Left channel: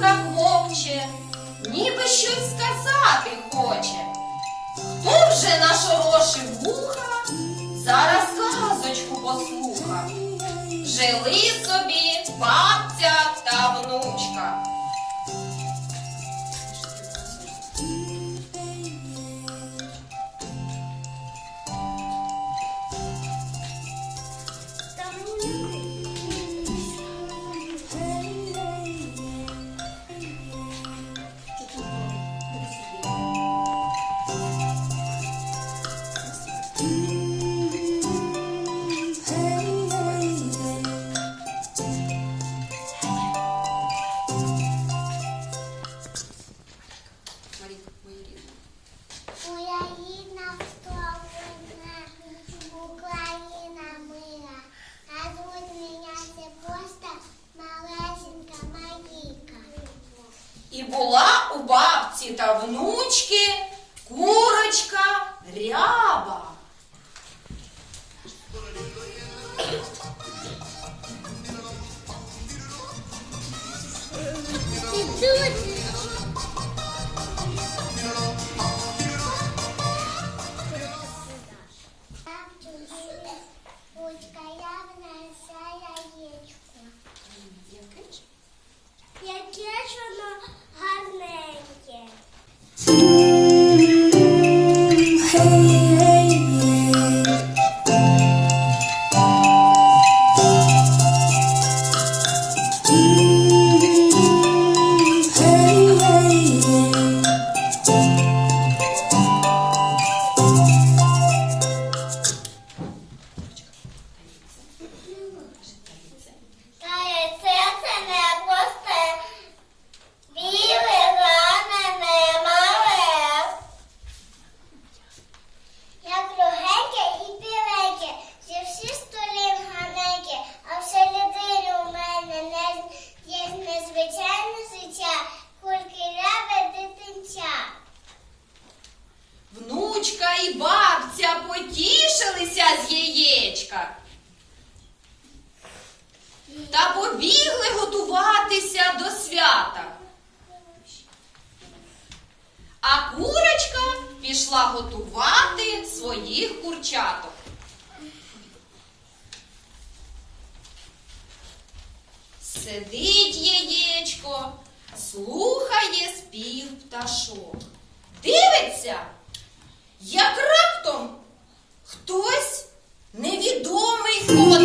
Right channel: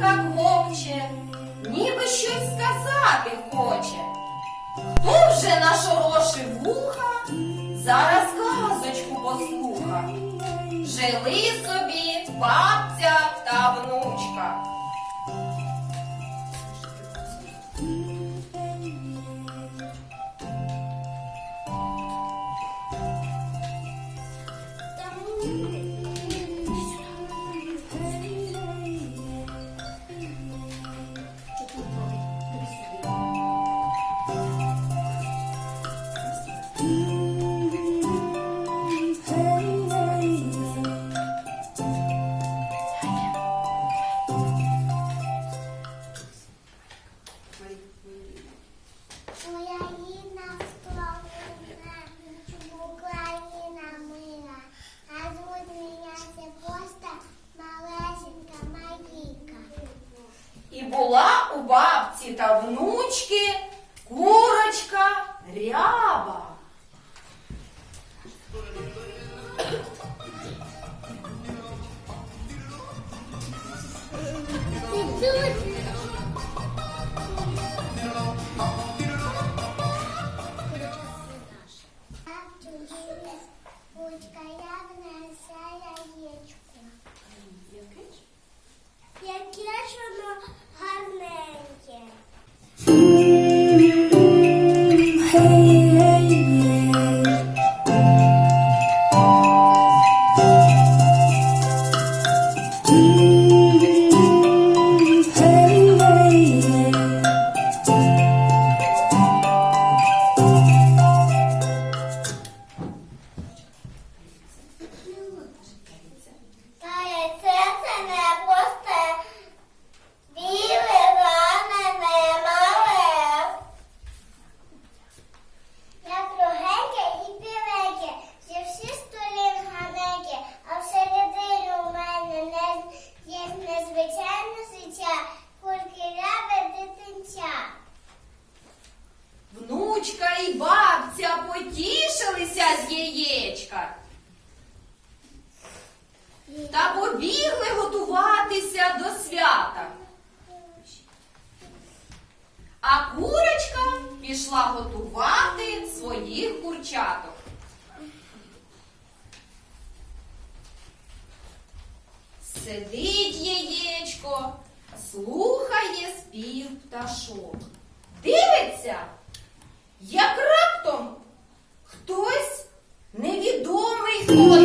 так вовче, ніби щось сказати хоче. Хто вже нашорошив вуха, зараз казочку послуха. Жили собі бабця та внучка.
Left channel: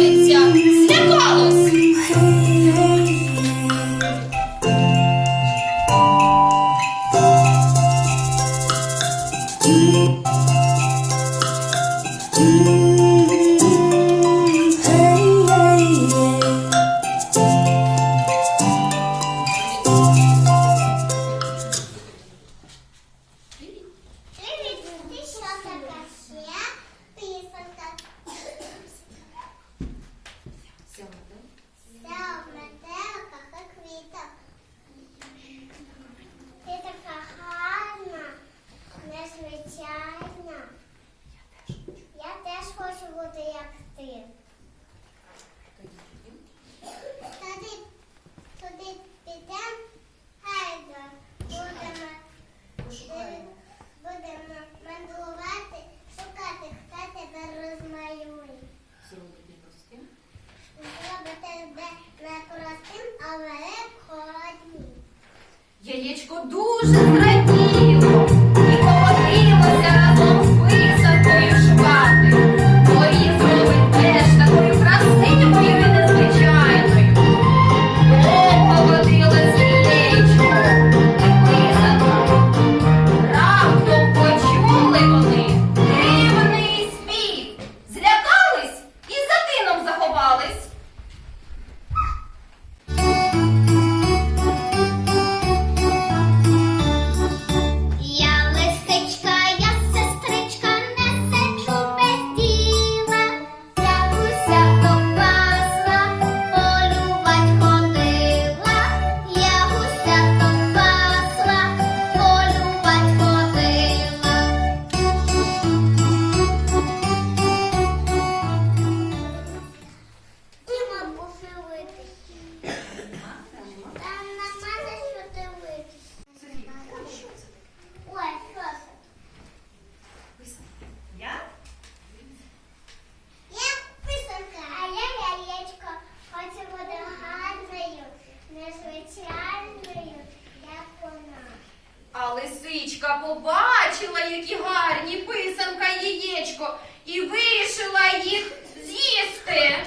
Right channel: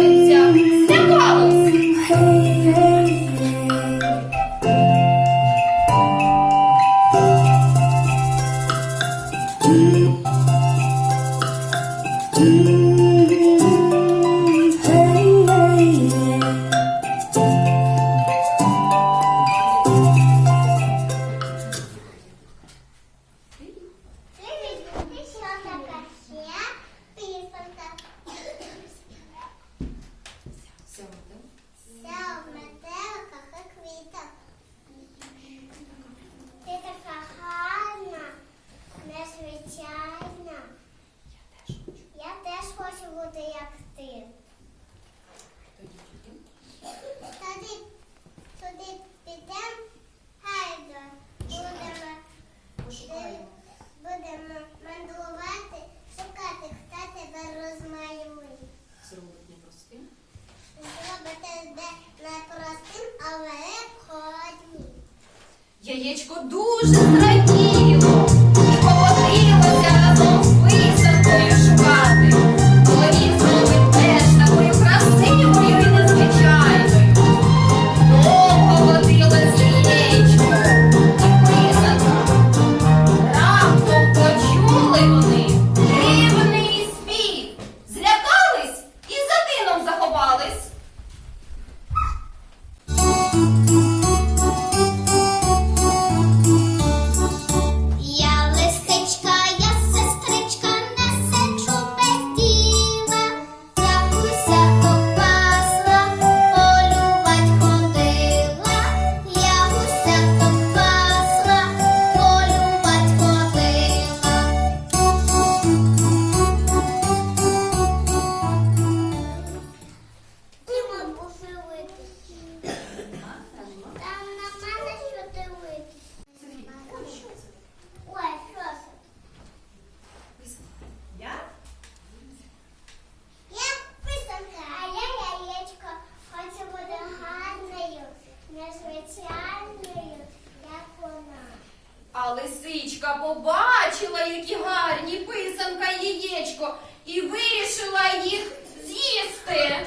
молиться. Thank you. Які гарні, писанка, яєчко, і вирішила їх з'їсти.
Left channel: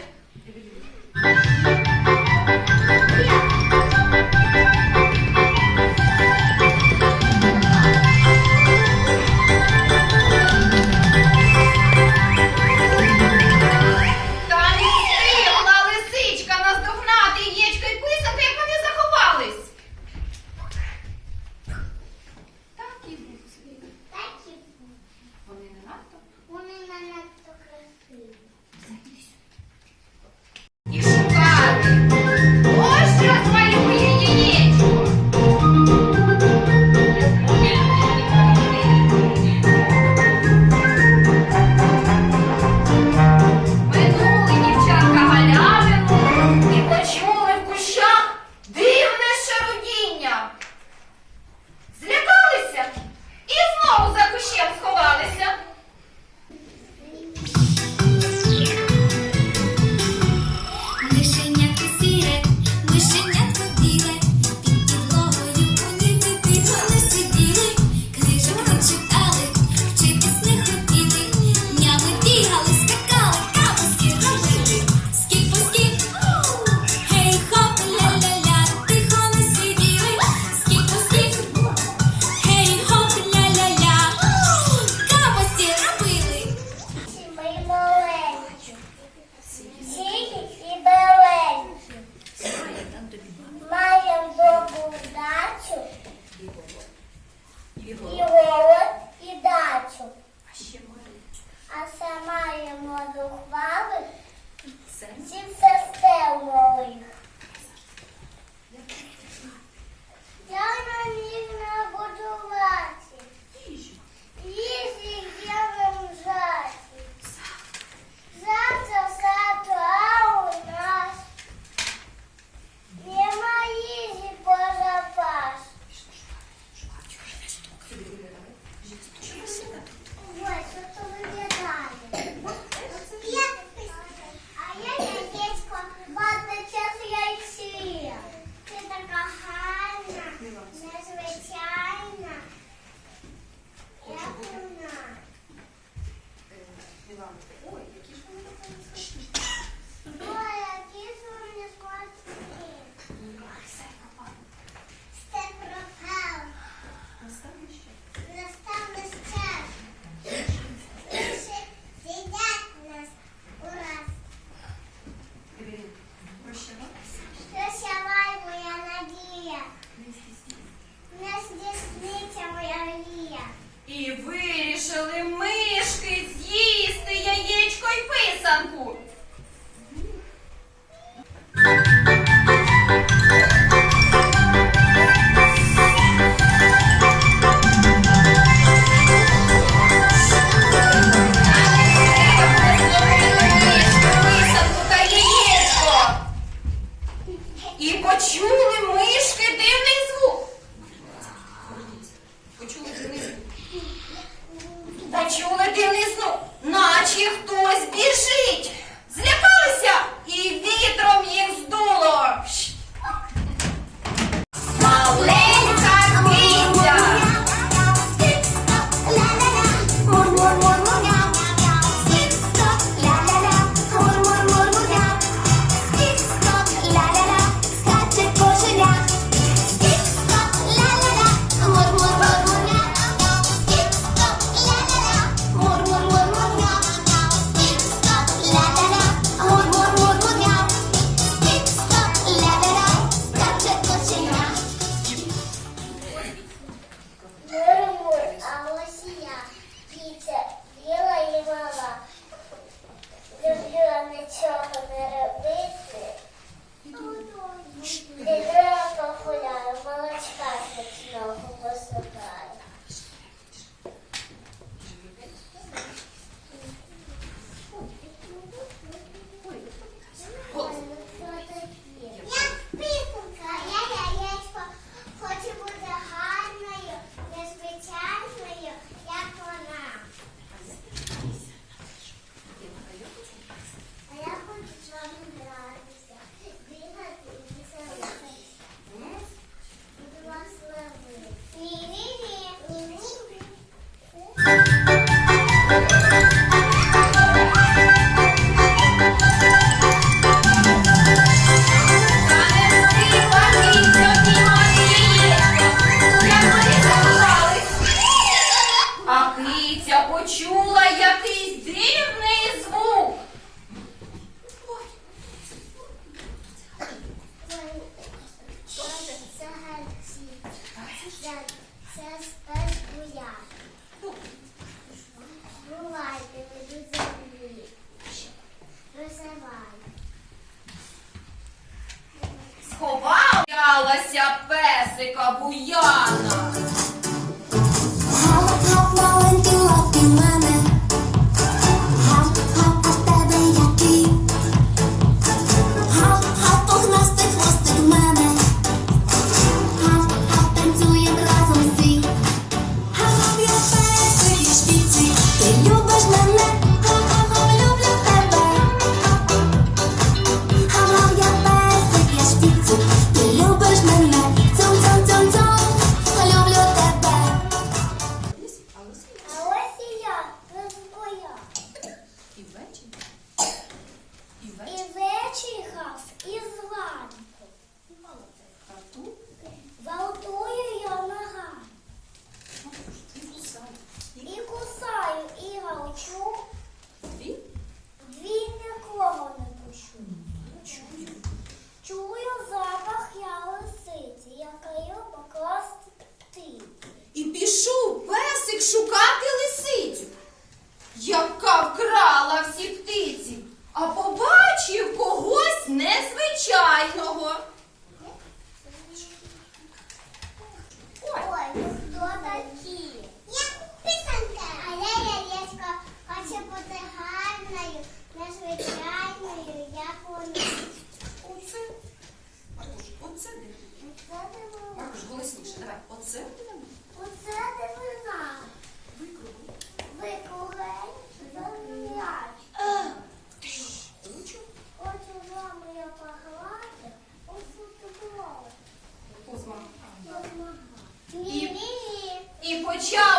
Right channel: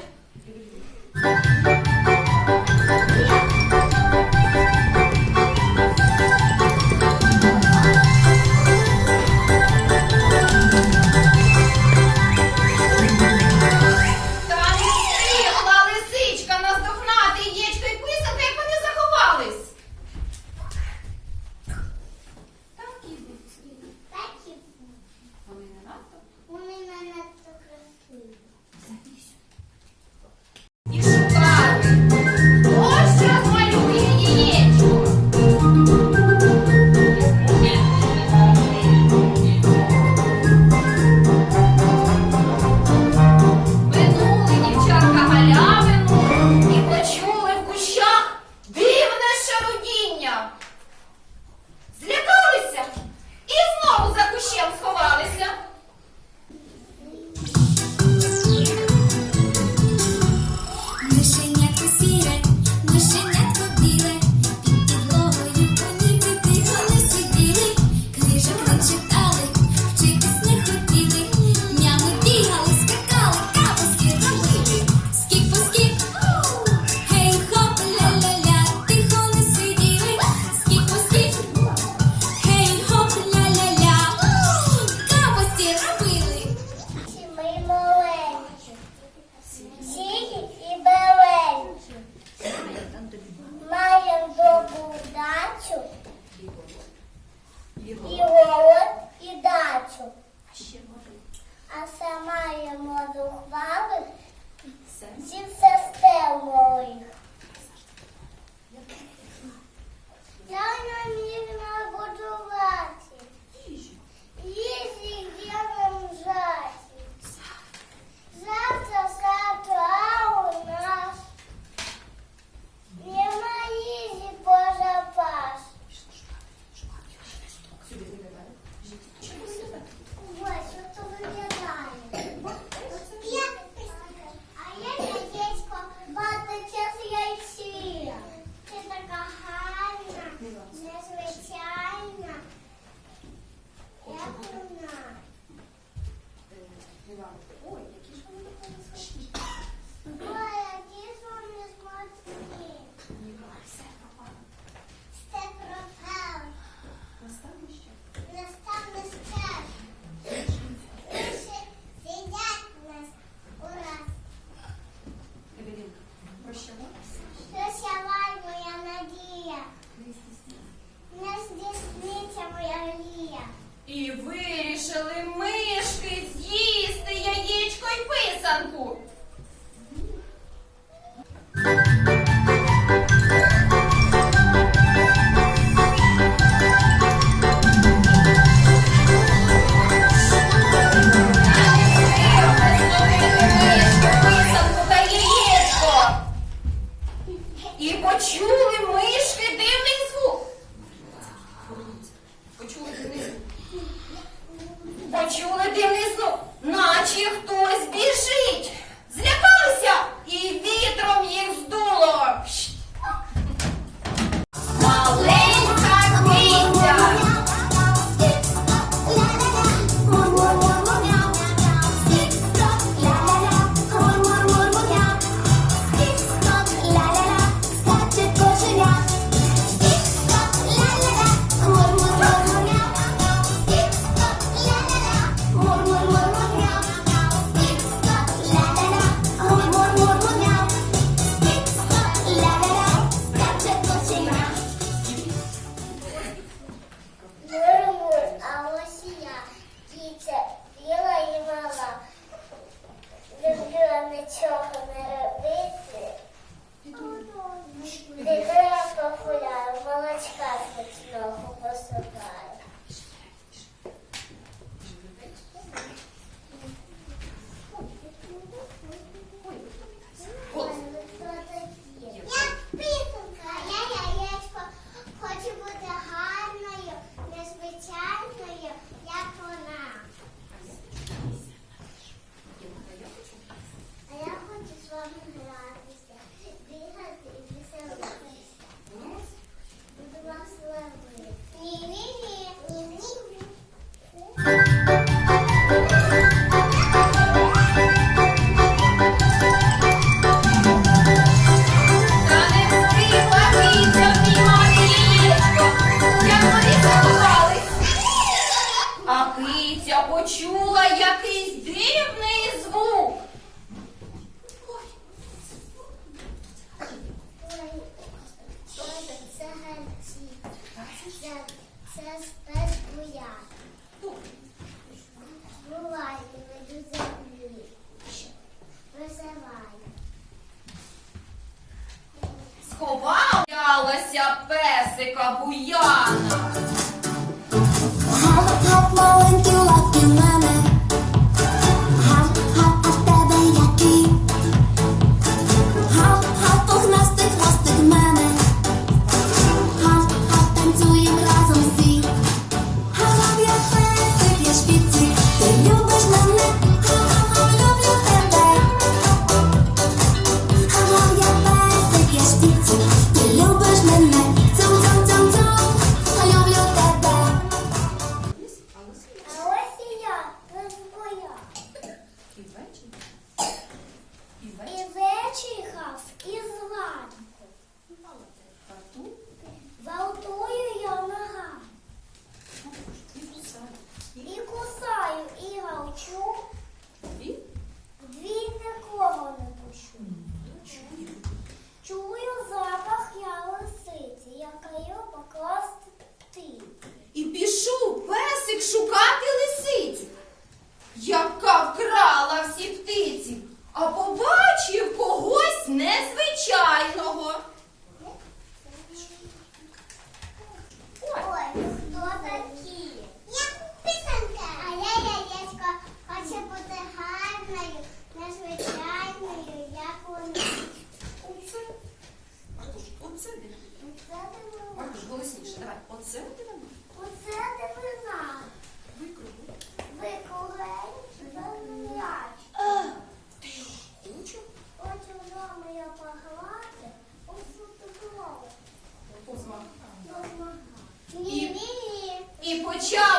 Good.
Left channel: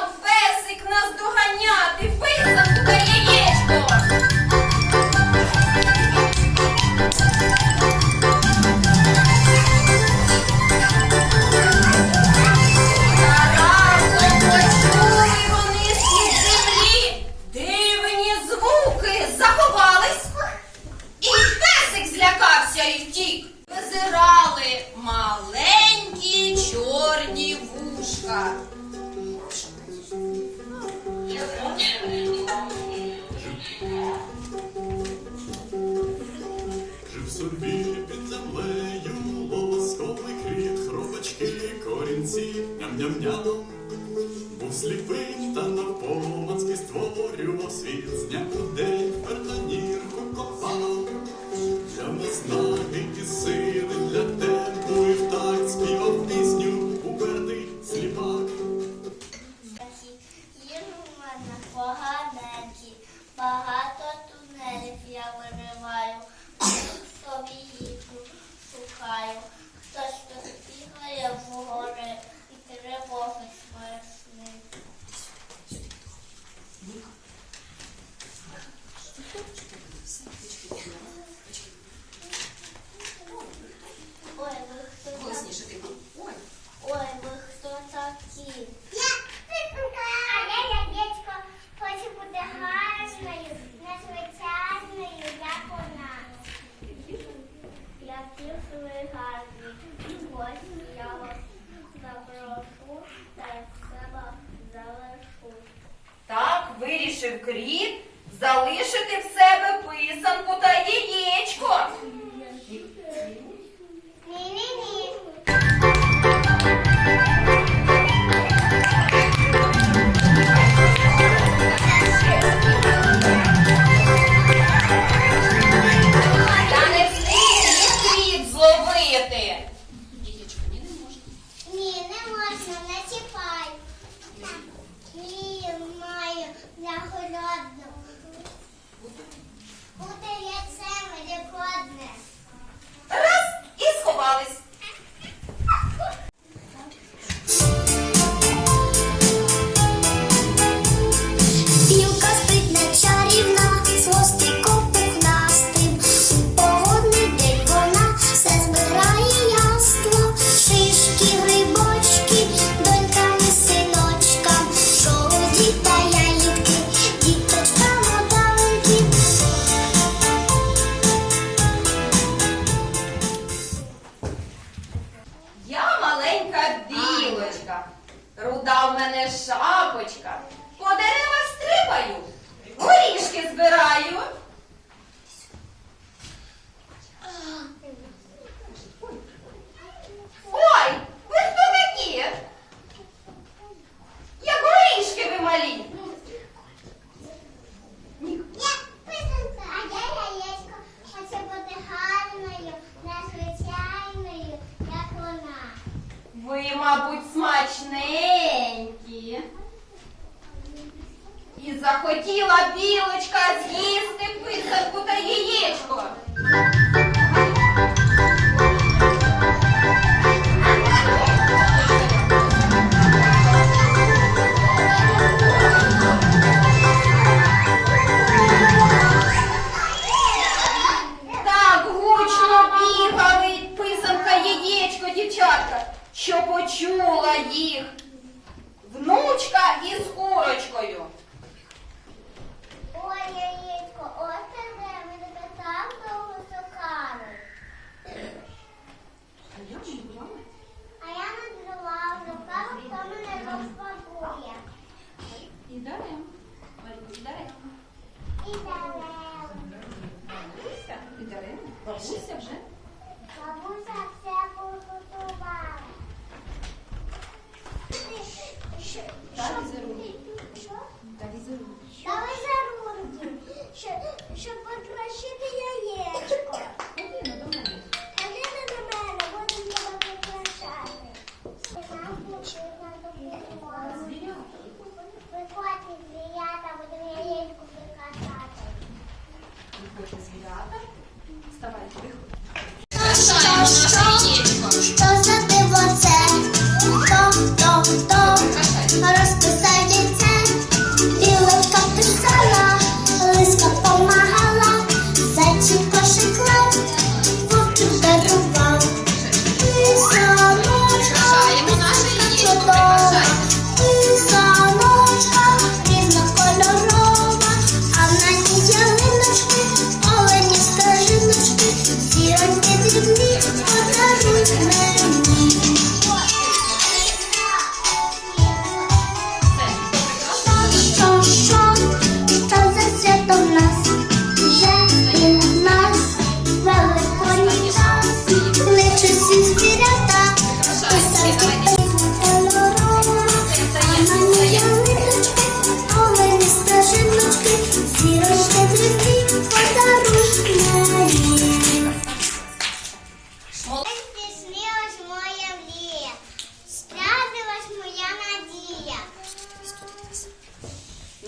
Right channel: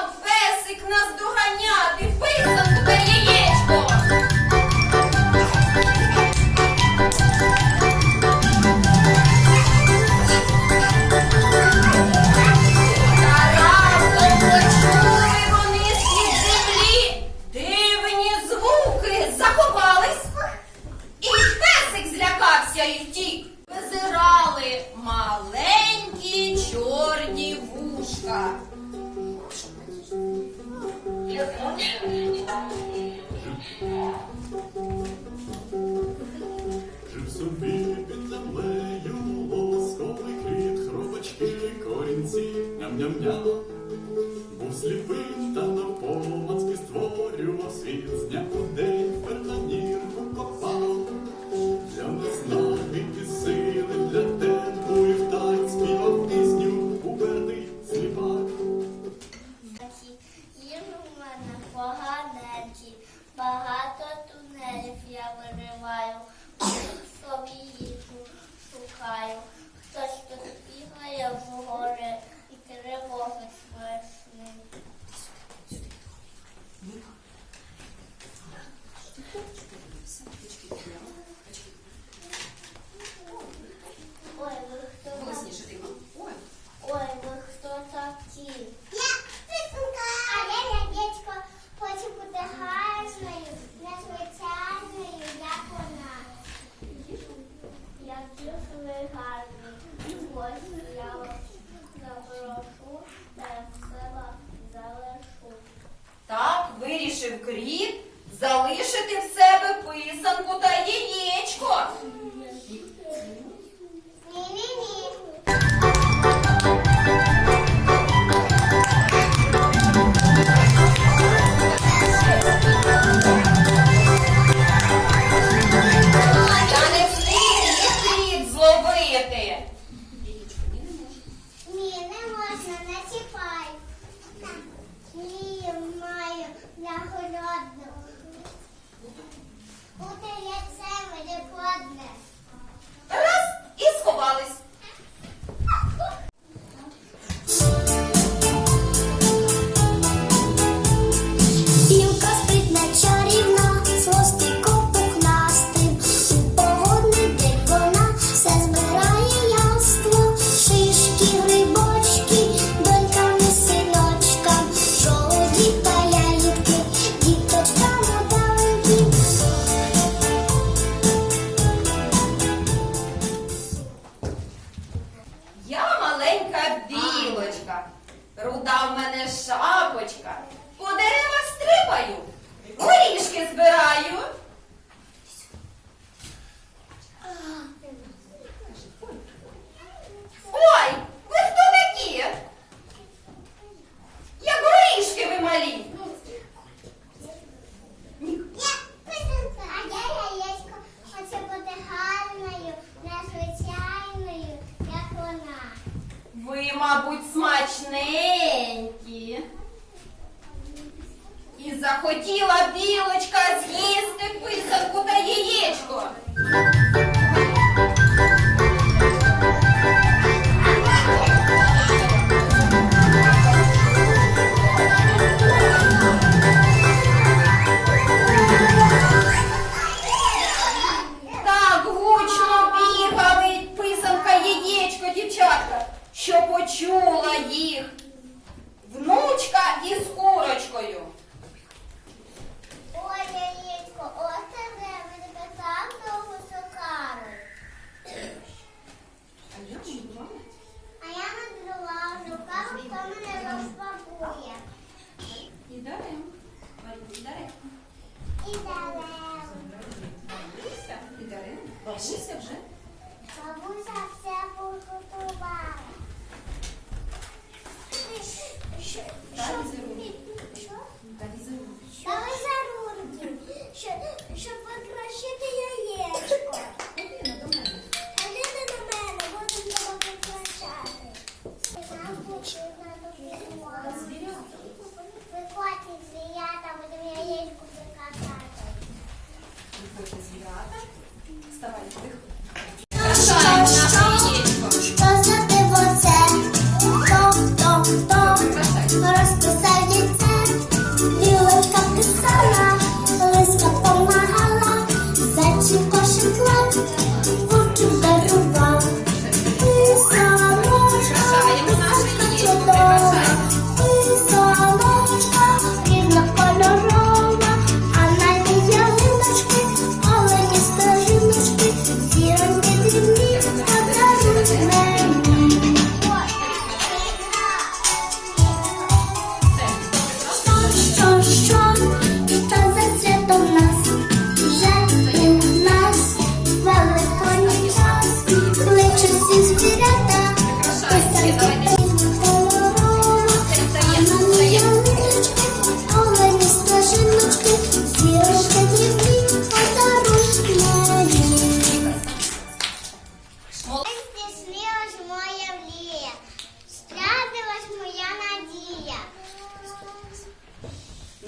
під землею лоскотний кріт, хробачки, корінці, ням-ням-ням. Був сліпий та на створював світ з дня куди.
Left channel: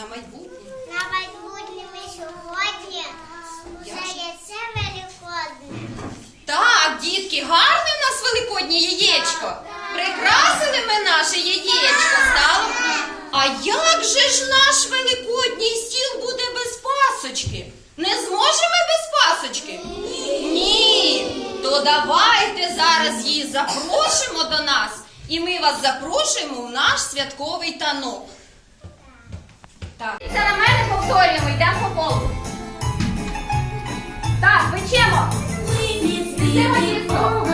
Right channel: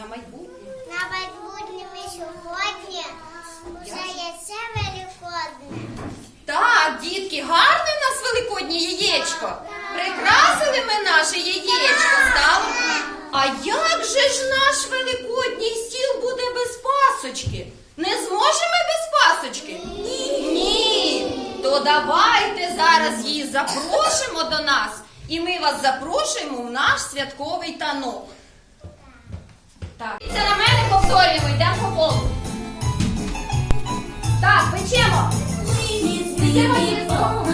На майбутнє. На майбутнє ми сьогодні уже яйце великодне. Так, дітки, гарне у нас великоднє яєчко. Прикрасили ми наше яєчко, стало. А як же ж наш великодній стіл буде без пасочки? Не зможемо без пасочки? Ні. Ні. То давайте зараз її запросимо до нас, і ми вас запрошуємо в наш святковий танок. Так. Це на мене повторюємо, йдемо по колу. Так, печемо. Ні, ні, ні, ні, ні.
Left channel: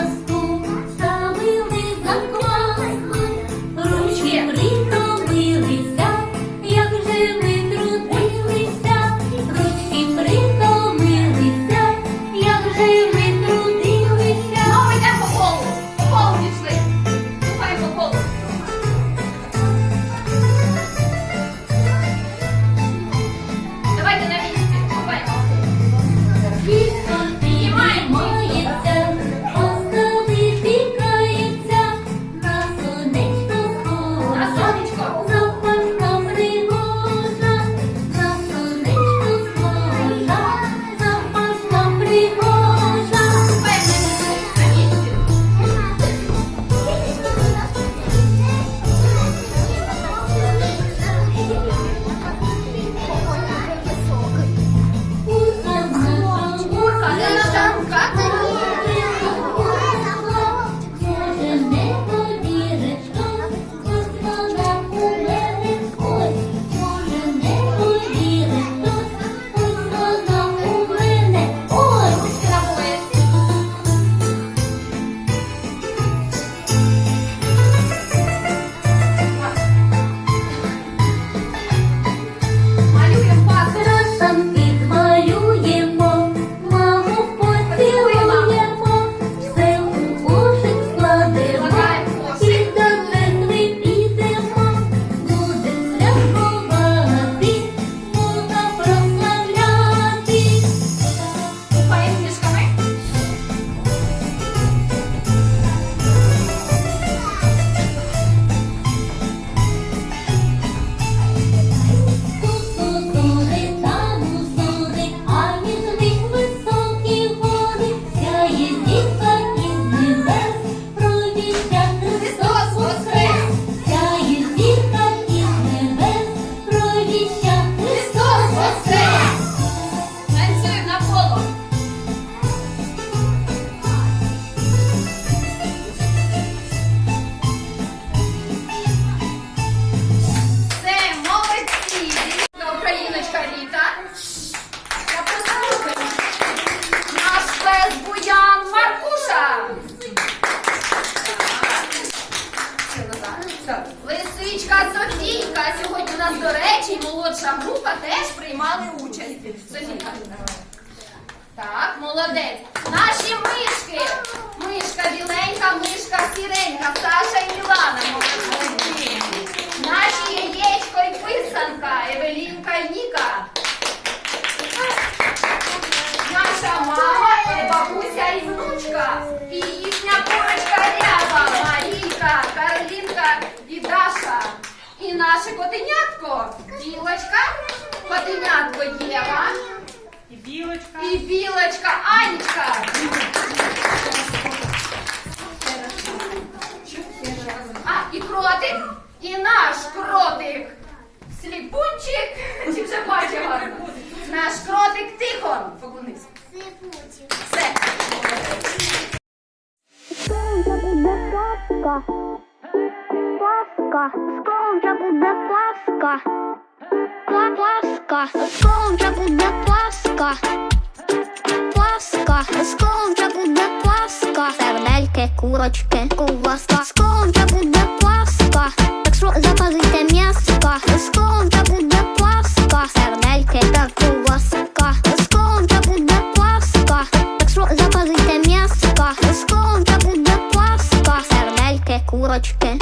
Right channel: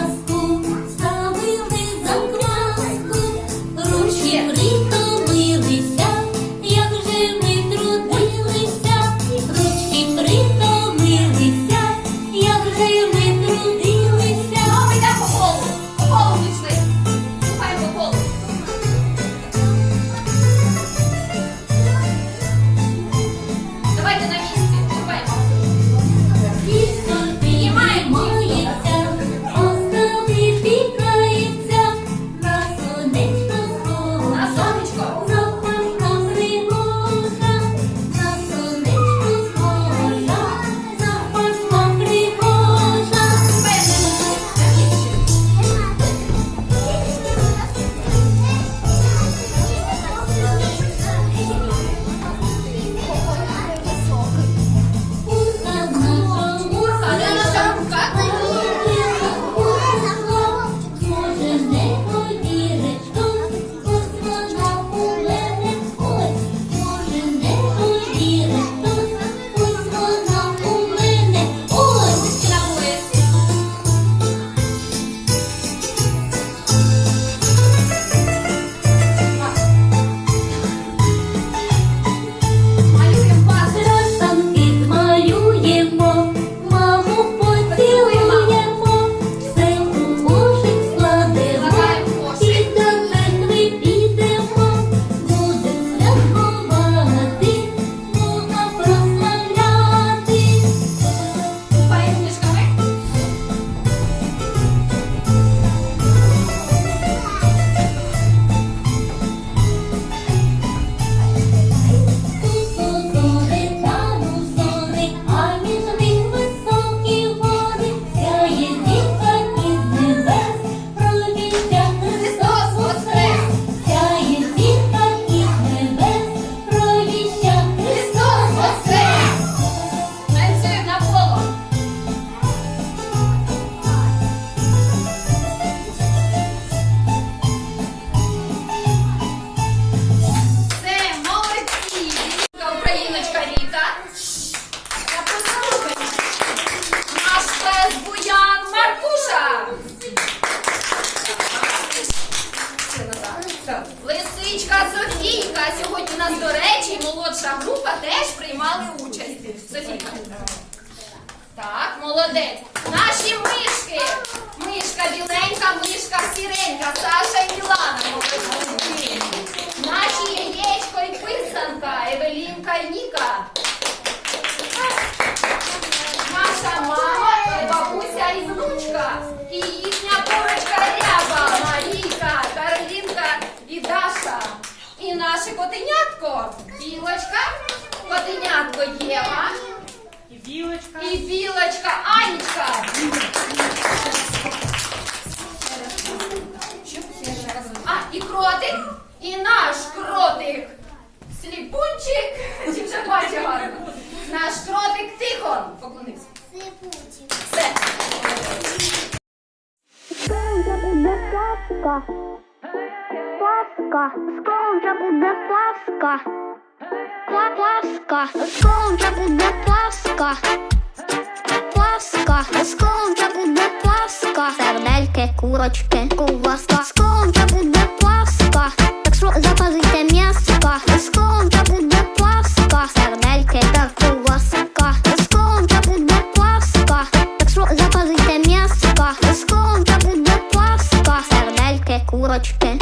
Котенятко. Білочка, котенятко Єва. І білочка. І білочка Анечка. А, і кротик, і наш кротик. Сліпунчик. Чи вже бачив гарно? Наш кротик Тихон. Поклонись. Сліпучі. Все. Пасха. Скоро буде Пасха. Пла- Пасха. Скоро буде Пасха. Пасха. Скоро буде Пасха. Сердельки, курочки, ковбаска. Скоро буде Пасха. Так що запазуйте м'яска. Скоро буде Пасха. Сердельки та ковбаска. Скоро буде Пасха. Так що запазуйте м'яска. Скоро буде Пасха. Сердельки, курочки,